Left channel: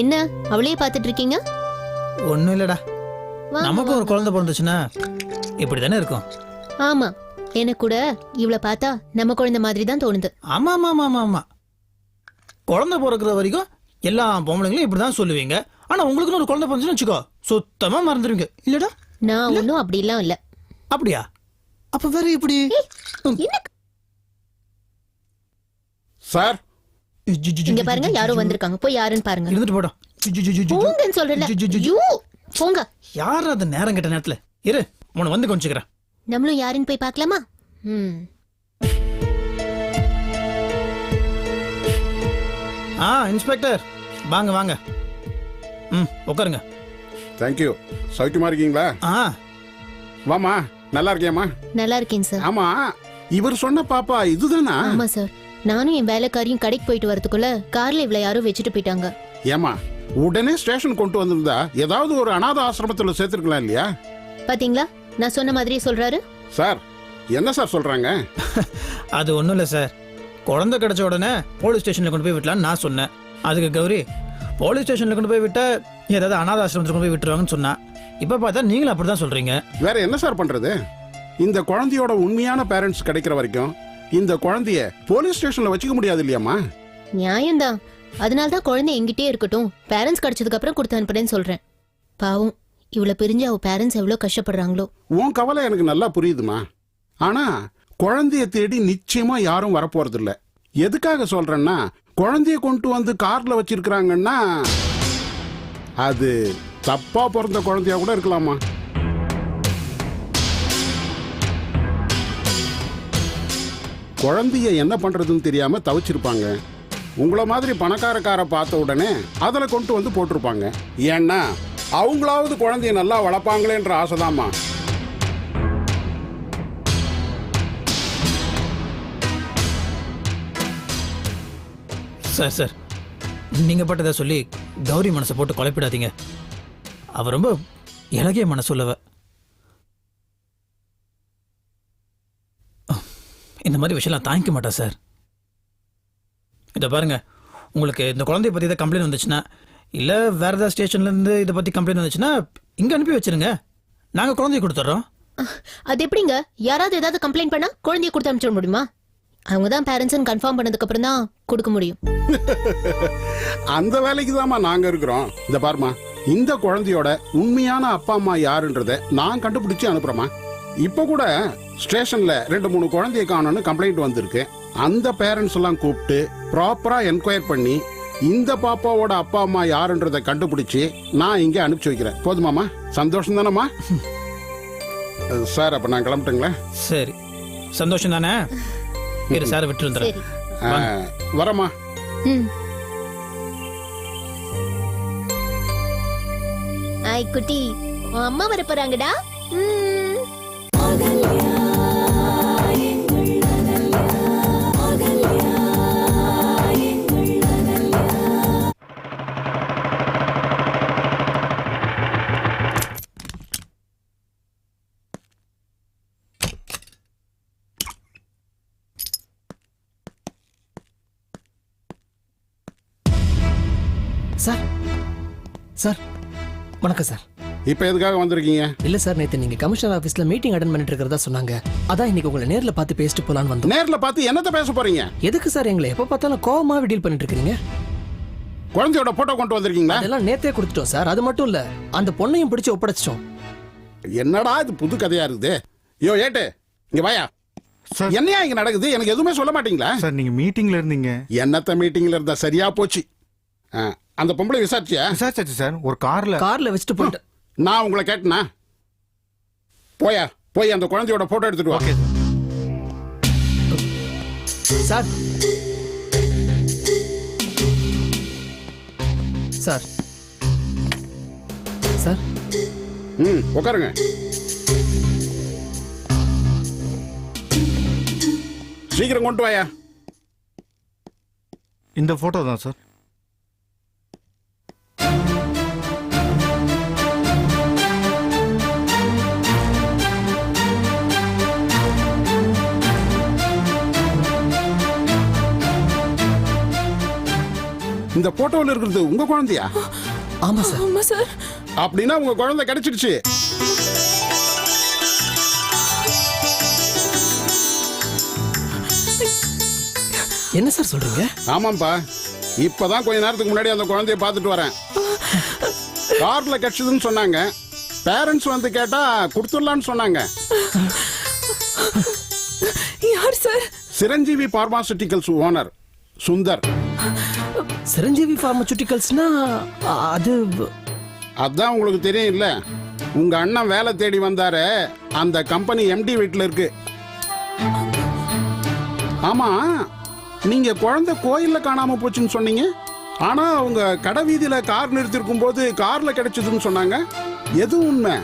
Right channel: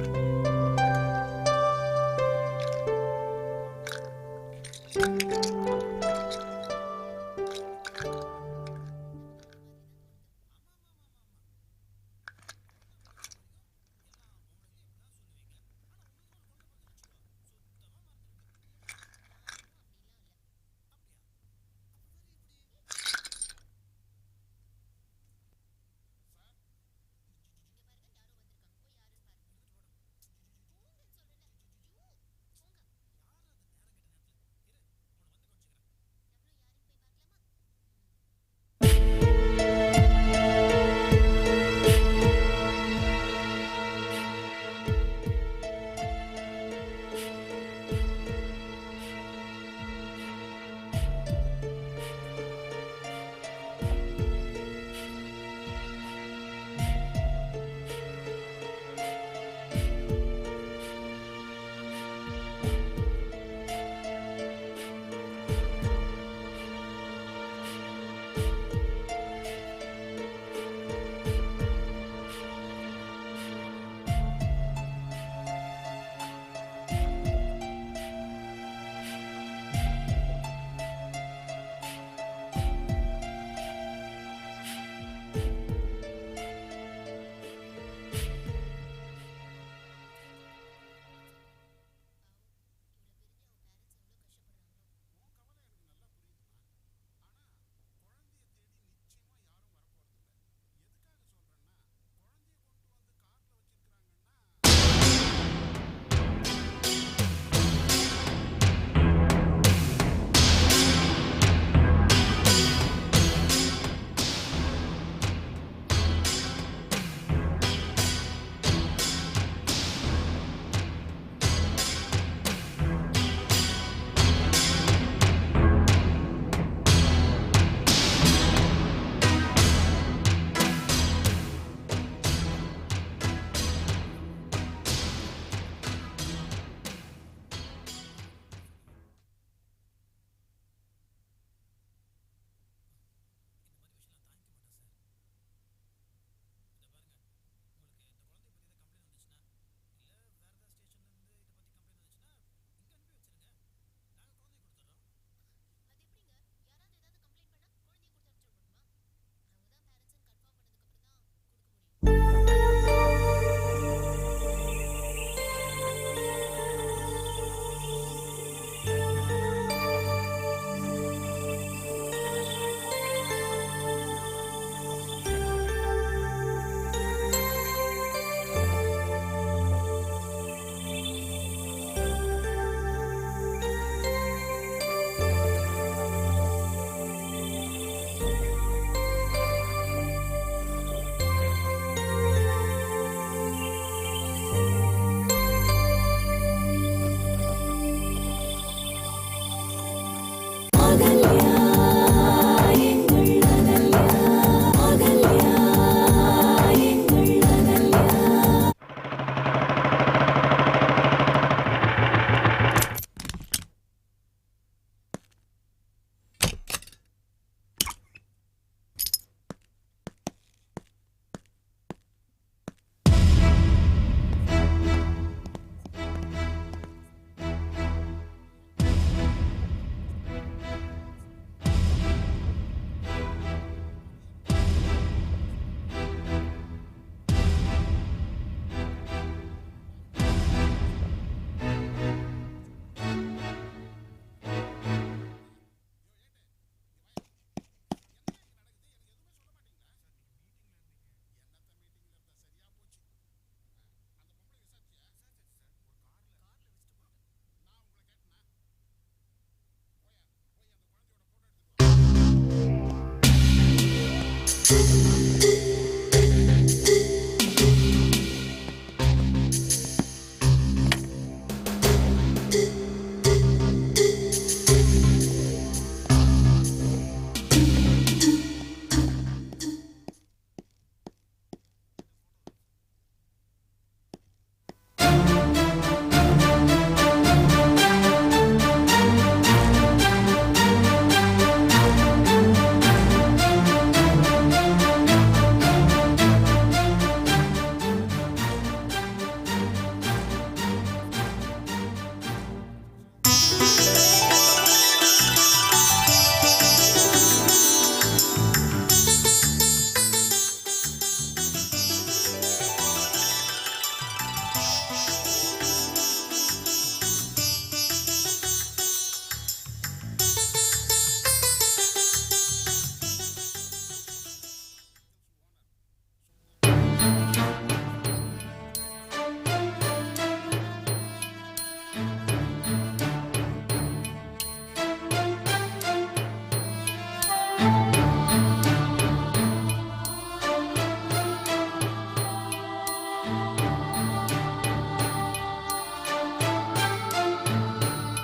என்ன? அவளையே பார்த்துட்டு இருக்கீங்க ஒண்ணும் இல்லடா. நமக்கு ஒரு. குழந்தை பிறந்துச்சுன்னா இப்படி தானே இருக்கும்? ஆமா. எனக்கு கூட இவளை பார்த்தா நம்ம குழந்தை மாதிரி தான் தோணுது. ஆமா ஆமா ஆமா ஆமா ஆமா. குழந்தை பிறக்கிற வரைக்கும் எல்லா பொம்பளைங்களும் இப்படி தான் சொல்லுவீங்க. ஆனா உங்களுக்குன்னு ஒரு குழந்தை பிறந்துச்சுன்னு வச்சுக்கோ சுத்தமா மறந்துடுவீங்க இல்லடா. நான் ஒன்றும் அப்படிலாம் இல்ல. அப்படியா? அப்ப வேற இப்படி? என்ன? சார் இங்க பாருங்க யாரோ வந்திருக்காங்க. போய் யாருன்னு பாருங்க. இருந்துட்டு ஜு. போங்கன்னு சொல்றல. ஐயோ, போங்க. யார் அது நேரம் கெட்ட நேரத்துல? இரு உன்னை வந்து கொஞ்சிக்கிறேன் நம்மளும் யாருன்னு போய் பார்க்கலாமா? ம். ஆ இன்ஸ்பெக்டர். வாங்க வாங்க. ம் உட்காருங்க. தேங்க்யூ சௌக்கியமா இருக்கீங்களா? ஆ. வாமா நல்லா இருக்கியாம்மா? நல்லா இருக்கேன் சார். ஆமா இவர் சொன்ன பாப்பா இதுதானா? ஆமா சார். நானும் என் வேலைக்காரியும் கடைக்கு போயிட்டு வரதுக்குள்ள கார்ல இவ்வளவு யாரோ வச்சுட்டு போயிட்டாங்க. ஏமா உடனே ஸ்டேஷன் கொண்டு வந்திருந்தா ஏதாவது ஒரு அனாதை ஆசிரமத்துல சேர்த்திருக்கலாம் இல்லையா? பாத்தீங்களா? நான் சொன்ன மாதிரியே சொல்றாரு. சார் என்ன சார் சொல்றாங்க? அது ஒன்றும் இல்லை சார். குழந்தை கிடைச்ச உடனே போலீஸ் ஸ்டேஷனில் கொண்டு போய் விட்டலான்னு நான் சொன்னேன். அதுக்கு கௌரி போலீஸ் ஸ்டேஷனில் கொண்டு போய் விட்டா ஏதாவது அனாத ஆசிரமத்தில் கொண்டு போய் விட்டுருவாங்கன்னு சொன்னா இப்போ பார்த்தா நீங்களும் அப்படி தான் சொல்கிறீங்க வேற என்ன சார் பண்றது? இந்த குழந்தையோட உண்மையான பேரண்ட்ஸ் கிடைக்கிற வரைக்கும் இந்த குழந்தைய போலீஸ் ஸ்டேஷன்ல வச்சுக்க முடியாது இல்லையாம்மா? நியாயம்தான். அதனால தான் குழந்தை எங்கிட்டே இருக்கட்டும். பேரண்ட்ஸ் கிடைச்சதுக்கு அப்புறம் கொடுத்து அனுப்புறேன்னு சொல்றேன். பாவம் இவளை பிரிஞ்சு அவ பேரண்ட்ஸ் எவ்வளவு கஷ்டப்படுறாங்களோ. உன் கவலை எனக்கு நல்லா புரியுதுமா? ஆனா குழந்தைய தேடி நிச்சயமா யாரும் வரப்போறது இல்ல எதுக்காக சொல்றேன்னா குழந்தைய கொண்டு வந்து கார்ல வச்சிருக்கிறாங்கன்னா அது தப்பா பிறந்த குழந்தையா கூட இருக்கலாமா? குழந்தைய என்ன பண்றதுன்னு தெரியாம தவிச்சிருப்பாங்க. உங்கள மாதிரி பணக்காரக்கார பார்த்த உடனே அதில் கொண்டு வந்து போட்டிருப்பாங்க. ஏன்னா அவங்களாவது குழந்தைய நல்லா வளர்ப்பாங்களேன்ற ஆசைதாம்மா. சார் சார் நீங்கள் பட்டதை சொல்லி கௌரி மனசை போட்டு குழப்பிடாதீங்க. அவ ரொம்ப இலகிய மனசுள்ளவ. இந்த மாதிரி விஷயம்லாம் தாங்கிக்க மாட்டா சார். இதை பாருங்க. உங்களுக்கு இந்த குழந்தைய பற்றி ஏதாவது கம்ப்ளைண்ட் வந்துச்சுன்னா இல்லை வேற ஏதாவது ஸ்டேஷன்லேருந்து இதை பற்றி கம்ப்ளைண்ட் வந்துச்சுன்னா இங்கே அனுப்பி வச்சிருங்க. நாங்கள் குழந்தைய கொடுத்துட்றோம் அது எப்படிங்க? யாராவது ஏதாவது கம்ப்ளைண்ட் பண்ணா குழந்தைய கொடுத்து அனுப்பிச்சிட முடியுமா? அவங்க தான் பேரண்ட்ஸ் கன்ஃபார்ம் பண்ணதுக்கு அப்புறம் தான் கொடுக்க முடியும். அந்த வேலைக்கு தாம்மா நாங்க இருக்கிறோம். இந்த பாருமா இந்த குழந்தையோட உண்மையான அப்பா அம்மா யாருன்றத நான் கண்டுபிடிச்சு அனுப்புறேம்மா. இப்ப கூட ஸ்டேஷன்ல ரெண்டு மூணு குழந்தைய காணோம்னு கம்ப்ளைண்ட் வந்திருக்கு. அந்த பேரண்ட்ஸ் எல்லாம் கூப்பிட்டு ப்ராப்பரா என்கொயர் பண்ணி இந்த பாப்பாவோட அப்பா அம்மா யாருன்றத கண்டுபிடிச்சு நான் இங்க அனுப்பிச்சு வைக்கிறேன். போதுமாமா சந்தோஷம் தானம்மா? சார் அப்ப நான் கிளம்பிட்டுங்களேன் சரி. சந்தோஷம் தானே? சார் விட்டு வந்துடுறேன். சரி. வரமா ம். ஐ குட்டி அம்மா வர போறாங்கடா. சார் சார் வணக்கம் சார். இப்ப எதுக்காக வந்திருக்கீங்க? இல்ல சார் நேத்து நீங்க கமிஷனர் ஆபீஸ்ல மீட்டிங் அட்டன் பண்ணிட்டு இருக்கிறதா சொன்னாங்க. அதான் இன்னைக்கு உங்களை நேர்ல பார்த்து பேசிட்டு போலான்னு வந்தோம். நேர்ல பார்த்து என்னத்த பேச போறீங்க? எதுக்கு சார் எங்களை எப்ப பார்த்தாலும் கோவமாவே டீல் பண்ணிட்டு இருக்கீங்க? குழந்தையோட போட்டோ கொண்டு வந்திருக்கீங்களா? அதெல்லாம் நேத்தே கொடுத்துட்டோம் சார் அது மட்டும் இல்ல அந்த பொண்ணையும் பிடிச்சு ஒப்படைச்சிட்டோம். என்னடா இது புது கதையா இருக்குது? யோ ஏட்டு இங்க வாயா. சார். என்னையா இங்க நடக்குது? எனக்கு எதுவுமே சொல்ல மாட்டீங்களா? சார் நீங்க மீட்டிங்ல இருந்தீங்க. என்னத்த மீட்டிங்ல இருந்தா சரியா போச்சு. ஆ, அந்த பொம்பளை விசாரிச்சியா? விசாரிச்சாச்சு சார் ஒரு கார்ல. கார்ல வச்சுட்டு போயிட்டு நான் உங்களை கேட்டனா? போயா போய் அந்த குழந்தையோட போட்டோ எடுத்துட்டு வா. சார். சார். சார். ம் உட்காருங்க. சீக்கிரம் கொண்டு வாயா. இந்த போட்டோ தான் சார். போட்டோவில் இருக்கிறது உங்க குழந்தையா? ஆமா சார். ஆமா சார். அப்படின்னா உங்க குழந்தை கிடைச்சிடுச்சு. என்ன சார் சொல்றீங்க? ஆமாப்பா இப்பதான் கொஞ்ச நேரத்துக்கு முன்னாடி அந்த குழந்தைய பார்த்துட்டு வரேன். கார்ல கிடைச்சதுன்னு சொன்னாங்க. பேரண்ட்ஸ் வந்து கேட்டா கொடுத்துடலான்னு சொன்னாங்க. யார் sir? Chiranjeevi pharmaceuticals owner Sundar. Chiranjeevi பார்மசூட்டிகல்ஸ்னா அது அதான் உங்களுக்கு தெரியும் இல்ல உங்க அண்ணன் வேலை தேடி வந்தாரு. அந்த கம்பெனி எம்டி வீட்ல இருக்கு. ஆமா நீங்க குழந்தை கோயில்ல காணாம போச்சுன்னு சொன்னீங்க. ஆனா அவங்க கடை வீதியில கார் நிறுத்திருக்கும் போது கார்ல கிடைச்சதுன்னு சொன்னாங்க. எது உண்மை?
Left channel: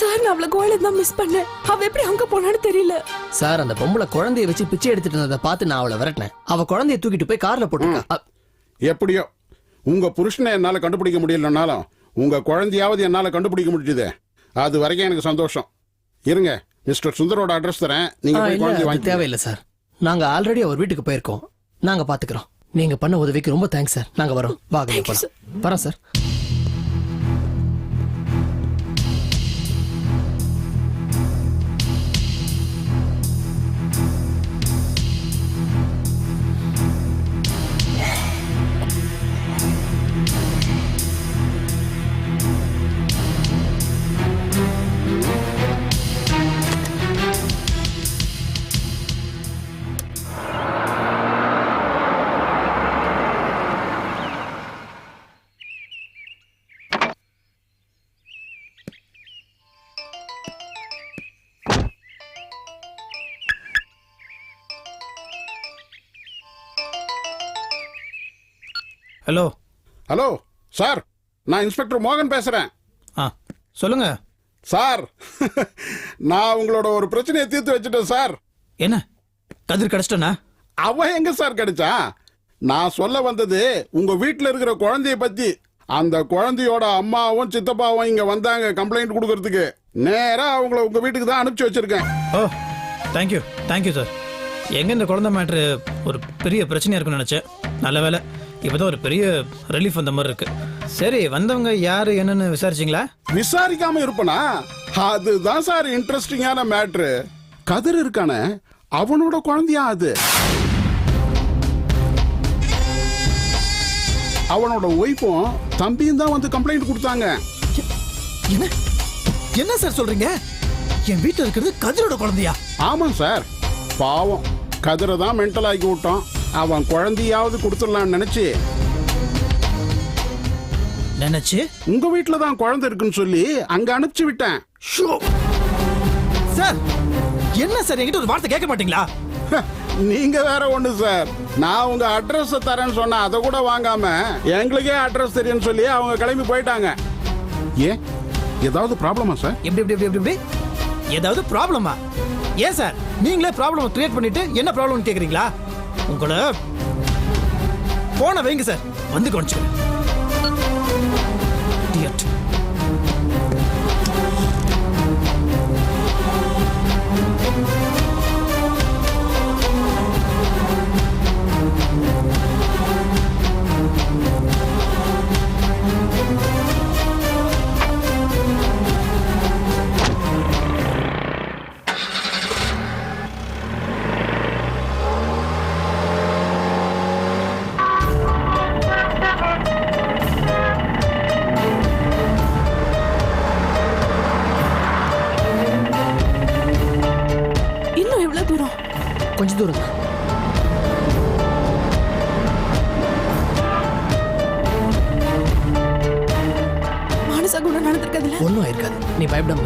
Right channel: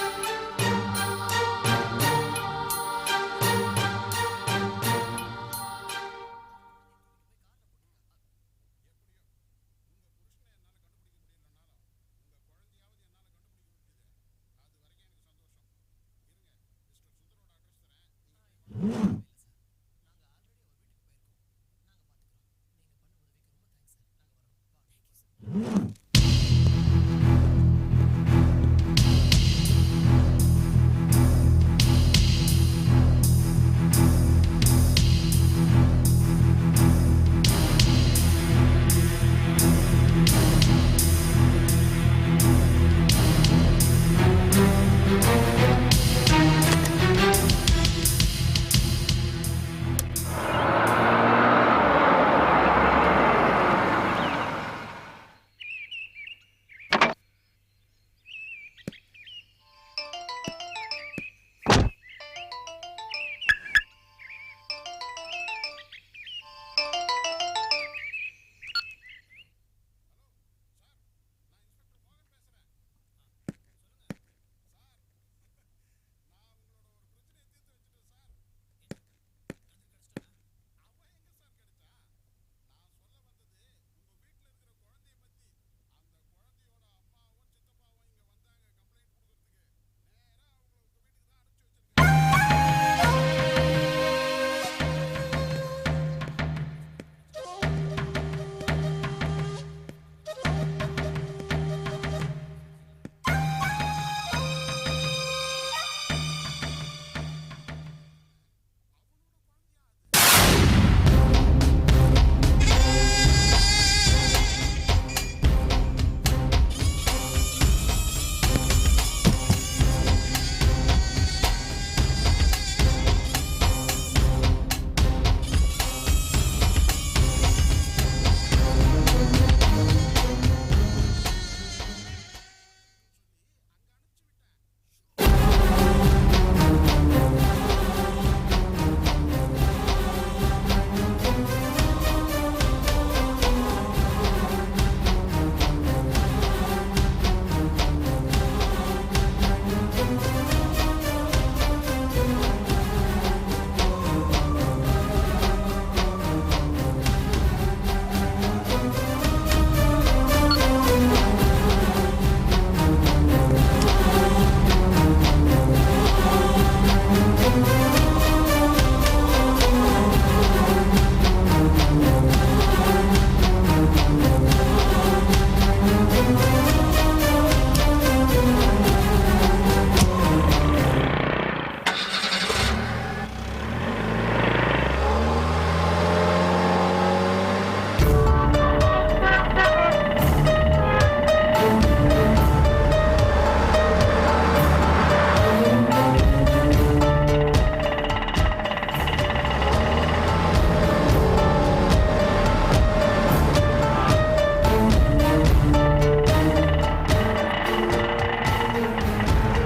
சார் நான் அவளை கோயில தான் மிஸ் பண்ணேன். அவ எப்படி அங்க போனான்னு தெரியல. சார் அந்த பொம்பளை குழந்தைய வச்சு பிச்சை எடுத்துட்டு இருந்ததை பார்த்து நான் அவளை விரட்டினேன். அவ குழந்தைய தூக்கிட்டு போய் கார்ல போட்டுருக்கா. எப்படியோ? உங்க புருஷனை என்னால கண்டுபிடிக்க முடியலனாலும் உங்க குழந்தையாவது என்னால கண்டுபிடிக்க முடிஞ்சுது. அது வரைக்கும் எனக்கு சந்தோஷம். இருங்க மிஸ்டர் சுந்தரோட அட்ரஸ் தரேன். நீங்க போய் அது வாங்கி தேவையில்லை சார். நாங்க ஆல்ரெடி அவர் வீட்டுக்கு போயிருக்கோம். நாங்க பாத்துக்கிறோம். நீங்க பண்ண உதவிக்கு ரொம்ப தேங்க்ஸ் சார். நாங்க வரோம். வாங்க வரோம் சார். ஹலோ. ஹலோ சார் நான் இன்ஸ்பெக்டர் மோகன் பேசுறேன். ஆ சொல்லுங்க. சார் நான் உங்களோட ஒரு பிரச்சனையை தீர்த்து வச்சுட்டேன் சார். என்ன? கதிர் கிடச்சிட்டனா? அவ எங்க சார் கிடைச்சா நான் சொல்ல வந்தது உங்க வீட்ல இருக்கிற குழந்தைய பத்தி. அந்த குழந்தையோட அம்மாவும் சித்தப்பாவும் இங்க வந்தாங்க கம்ப்ளைண்ட் கொடுக்கறதுக்கு. நேரா அவங்கள உங்க வீட்டுக்கு தான் அனுப்பிச்சு வச்சிருக்கேன். ஓ தேங்க்யூ தேங்க்யூ சார் எங்க இந்த குழந்தை மேட்ரு ஒரு பெரிய பிரச்சனையா இருக்கும்னு நினைச்சேன். நல்ல வேலை. இப்போதான் ஒரு பெரிய ரிலீஃப் வந்த மாதிரி இருக்கு. சரி வந்தவங்க யாரு என்னன்னு விசாரிச்சிங்களா? விசாரிக்காம இருப்பனா? அதுதான் சார் இன்ட்ரெஸ்டிங்கான மேட்ரு கதிர் இருக்கானே அவனோட குழந்தையா அது? அவனோட ஒய்ஃபும் தம்பியும் தான் வந்து கம்ப்ளைண்ட் கொடுத்தாங்க. என்ன? என்ன சார் சொல்றீங்க? என் வீட்டில் இருக்கிறது கதிரோட குழந்தையா? ஆமாம் சார் பாவம். கதிரை தான் மென்டல் ஆக்கி விட்டோம் அவன் குழந்தையாவது கொடுத்துடலாம்னு நினைச்சு. நினைச்சு? உங்க வீட்டில் தான் குழந்தை இருக்குன்னு சொல்லி அங்க அனுப்பிச்சு விட்டேன். ஷோ. சார் என்ன சார் என்கிட்ட ஒரு வார்த்தை கேட்க மாட்டீங்களா? நீங்க வேற ஒண்ணு சார். நான் உங்க அட்ரஸ் தரேன்னு சொன்னா அதை கூட வாங்காம எங்களுக்கே அட்ரஸ் தெரியும்னு சொல்லி அவங்க கிளம்பி போயிட்டாங்க. ஏன் ஏதாவது ப்ராப்ளமா சார்? எப்படி எப்படி எப்படி எப்படி ஏதாவது ப்ராப்ளமா ஏன் சார் நீங்களே ப்ராப்ளம் கிரியேட் பண்ணிட்டு என்ன ப்ராப்ளம் கேக்குறீங்களா? உங்களோட போன வைங்க சார். வந்து குறைச்சு நீ பயப்படாம.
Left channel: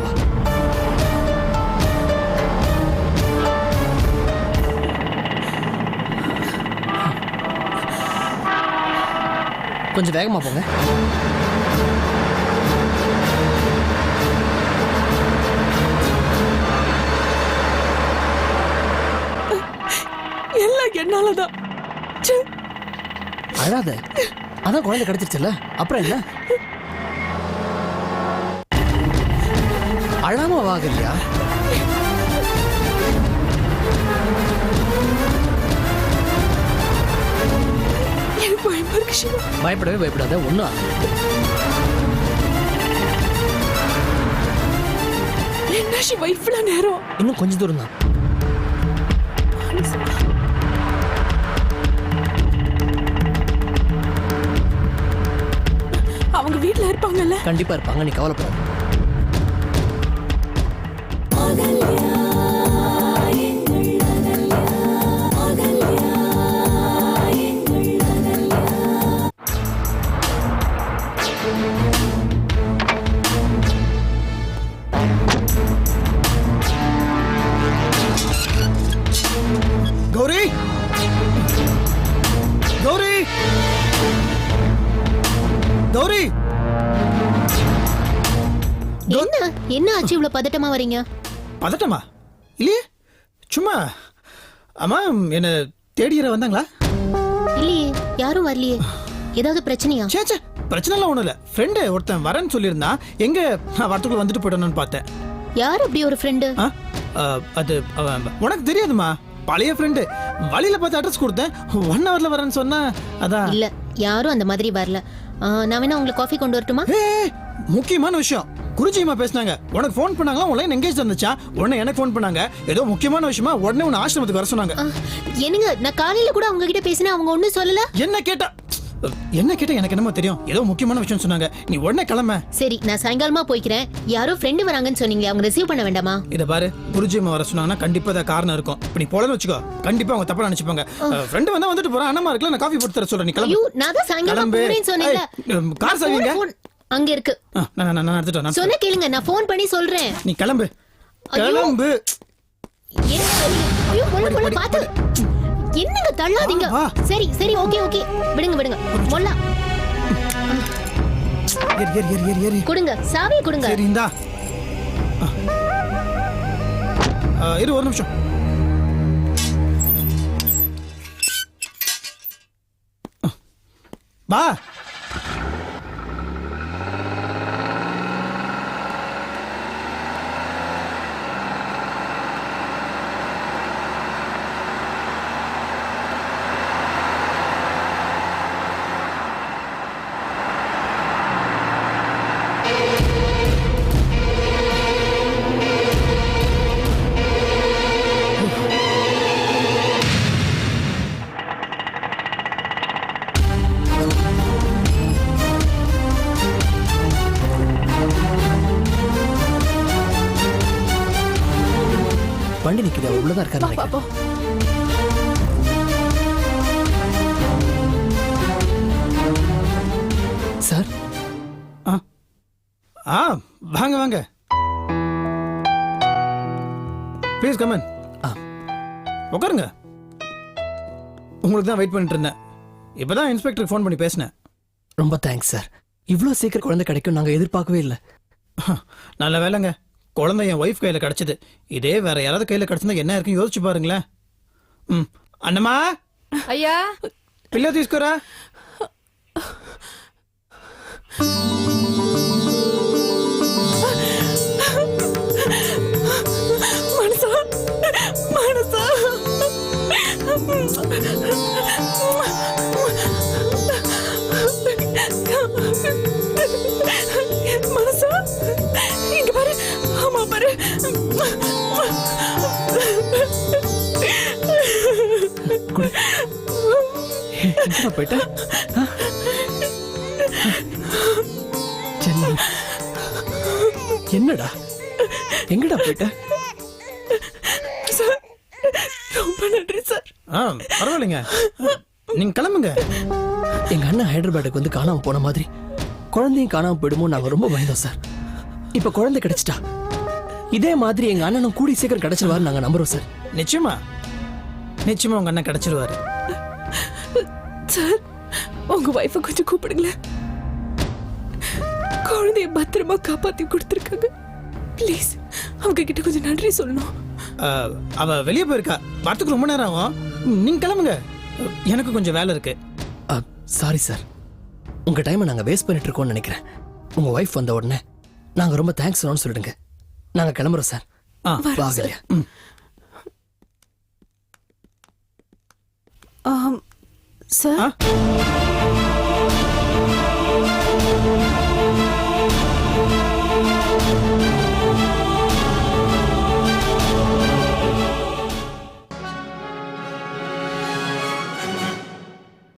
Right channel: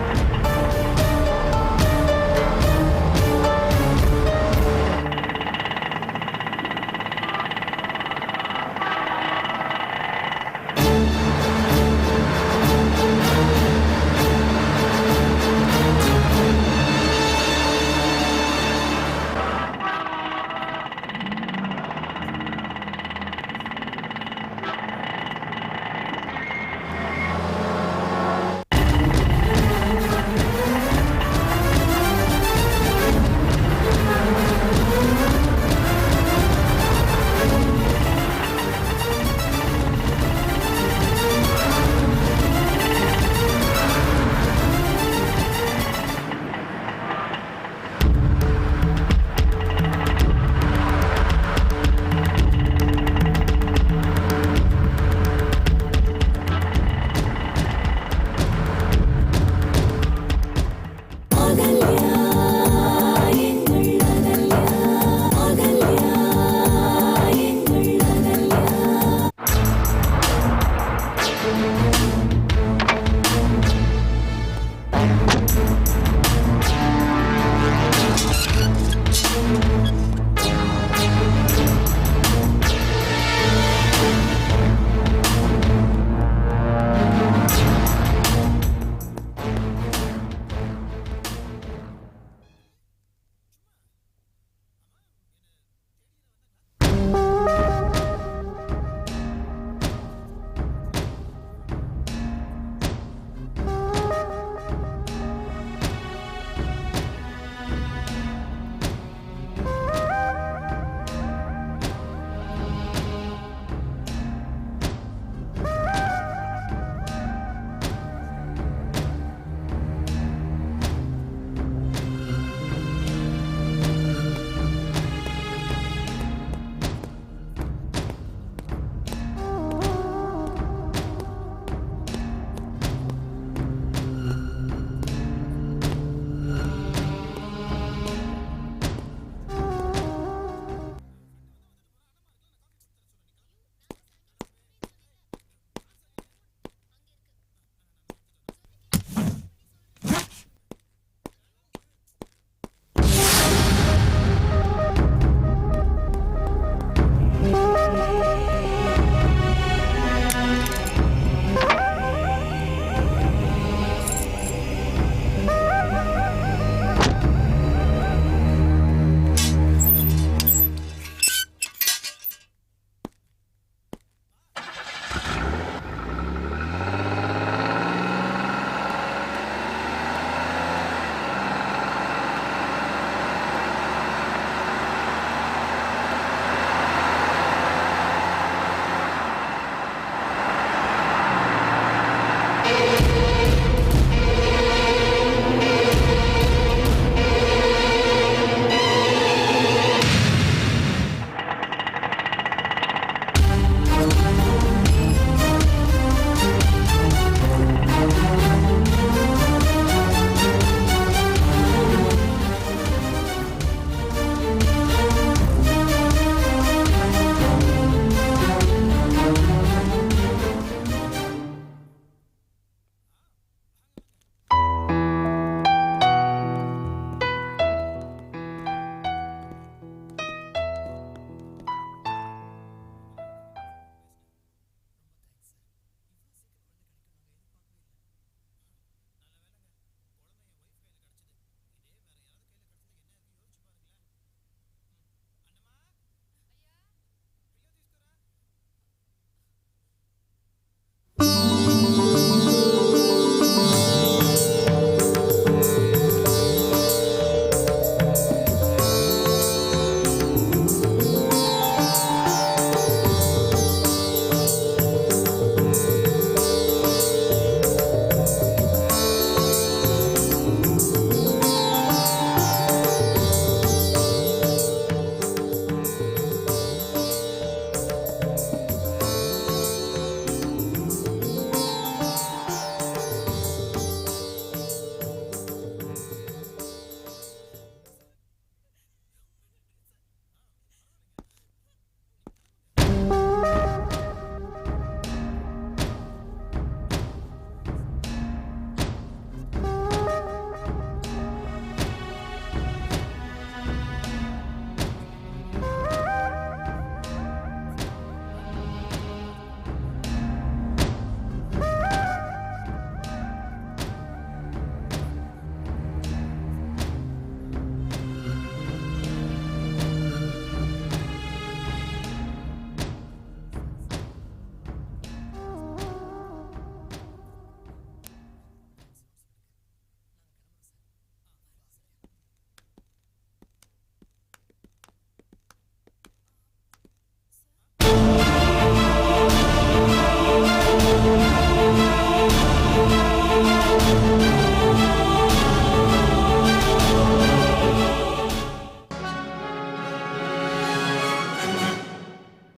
கொஞ்சம் வேகமா போங்க எல்லாம் என்னாலதான் ச்சே. அழாத அதான் குழந்தை கிடைச்சிருச்சுல்ல அப்புறம் என்ன இவ்வளவு பதட்டமா வரீங்க? பதட்டமா? இல்லையே? சும்மா அம்மா என்ன தேடி யாரா வந்தாங்களா? இல்லையே யாரும் வரலையே. ஏதாவது பிரச்சனையா? சே சே பிரச்சனைலாம் ஒன்றும் இல்லை. ஃப்ரெண்டு ஒருத்தன் வரேன்னு சொல்லியிருந்தான் எங்க நான் வரத்துக்குள்ள வந்துட்டு போயிடணும்னு பார்த்தேன். யார் அப்படி ஒரு ஃப்ரெண்டு அது உனக்கு தெரியாதுமா பழைய ஃப்ரெண்டு வழியில பார்த்து அட்ரஸ் கொடுத்தேன். ஒன் ஹவர்ல வரேன்னு சொன்னா அதான். இல்ல யாரும் அந்த மாதிரி வரல. நான் வேணா உங்களுக்கு காஃபி கொண்டு வரட்டுமா? முக்கியமான விஷயம். குருஜிமா பேசினாங்க. உனக்கு ஃபோன் பண்ணாங்களா? உன்லைன் எங்கேஜ் இருந்துச்சா? உடனே எனக்கு ஃபோன் பண்ணாங்க. ஏதோ முக்கியமான விஷயமா உடனே உன்னை ஆசிரமத்துக்கு வர சொன்னாங்க. என்னங்க நான் காலையில கூட அவங்க கிட்ட பேசினேன் அவங்க ஒண்ணும் சொல்லல? என்ன கேட்டா என்ன கேட்டா எனக்கு என்னமோ தெரியும். ஏதோ முக்கியமான விஷயம் சொன்னாங்க. நீ உடனே கிளம்ப. சரி நான் சாயங்காலமா போய்க்கிறேன். யாரோ ஃப்ரெண்டு வராங்கன்னு சொன்னீங்க. அவங்க ரிசீவ் பண்ண வேண்டாமா? இத பாரு குருஜிமா வர சொன்னாங்கன்னா கண்டிப்பா அதை காரணம் இருக்கும். இப்ப நீ போலன்னு வச்சுக்கோ. கண்டிப்பா அவங்க தப்பா நினைச்சுப்பாங்க. ஃப்ரெண்டு வந்தா வந்துட்டு போறான். அண்ணமா இருக்குல்ல நான் காஃபி போட்டு தர சொல்றேன். நீ கிளம்பு. நான் தான் சாயங்காலமா. போறேன்னு சொன்னேன்ல. கார் சாவிங்க? அங்க இருக்கு. நான் நான் நான் எடுத்துட்டு வரேன். சொன்ன கேளுங்க நான் ஃபோன் பண்ணி சொல்றேன். நீ கிளம்பு. கிளம்பு. பாத்து. என்னங்க தள்ளாதீங்க. சரி சரி ஓகே ஓகே. விடுங்க விடுங்க. போலாம். கொடுங்க. சாவி கொடுங்க. இந்தா. இரு ஒரு நிமிஷம். பா. வெயிட் பண்ணிட்டு இருந்தேன் இப்பதான் இன்ஸ்பெக்டருக்கு ஃபோன் பண்ணி பேசினேன் ரொம்ப தேங்க்ஸ் சார் இவ்வளோ சீக்கிரம் குழந்தை கிடைக்கும் நாங்கள் எதிர்பார்க்கவே இல்லை நல்ல வேலைங்க குழந்தை என் ஒய்ஃப் கையில கிடைச்சது இதே வேற யாராவது கையில கிடைச்சிருந்தா என்ன இருக்குன்னு யோசிச்சு பாருங்களேன் ம் அண்ணம்மா ஐயா పిల్ల తీసుకురా ஹைதராபாத்துக்கு வந்து காணாம போன மாதிரி. குழந்தையும் காணாம போயிடுமோ நாங்க ரொம்ப பயந்தோம் சார். இப்ப குழந்தை கிடைச்சிட்டா? இதே மாதிரி எங்க அண்ணனும் கூடி சீக்கிரம் கிடைச்சிருவாரு நாங்க நம்புறோம் சார். நிச்சயமா. நிச்சயமா உங்க அண்ணன் கிடைச்சிருவாரு. சார் உங்க வைஃபை கொஞ்சம் கூப்பிடுங்களேன். குழந்தைய பத்திரமா காப்பாத்தி கொடுத்துருக்காங்க. ப்ளீஸ் அவங்க கிட்ட கொஞ்சம் நன்றி சொல்லணும். ஆ, அவ வெளியே போயிருக்கா. வரத்துக்கு ரொம்ப நேரம் ஆகும். நீங்க கிளம்புங்க. எனக்கு கொஞ்சம் வேலை இருக்கு. சாரி சார் உங்கள் டைமை நாங்கள் வேஸ்ட் பண்ணிட்டு இருக்கோம்னு நினைக்கிறேன். உங்கள் ஒய்ஃப் வந்த உடனே நாங்கள் ரொம்ப தேங்க்ஸ் சொல்லணும்னு சொல்லிடுங்க. நாங்கள் கிளம்புறோம் சார் ஆ வாங்கலையா ம். சார்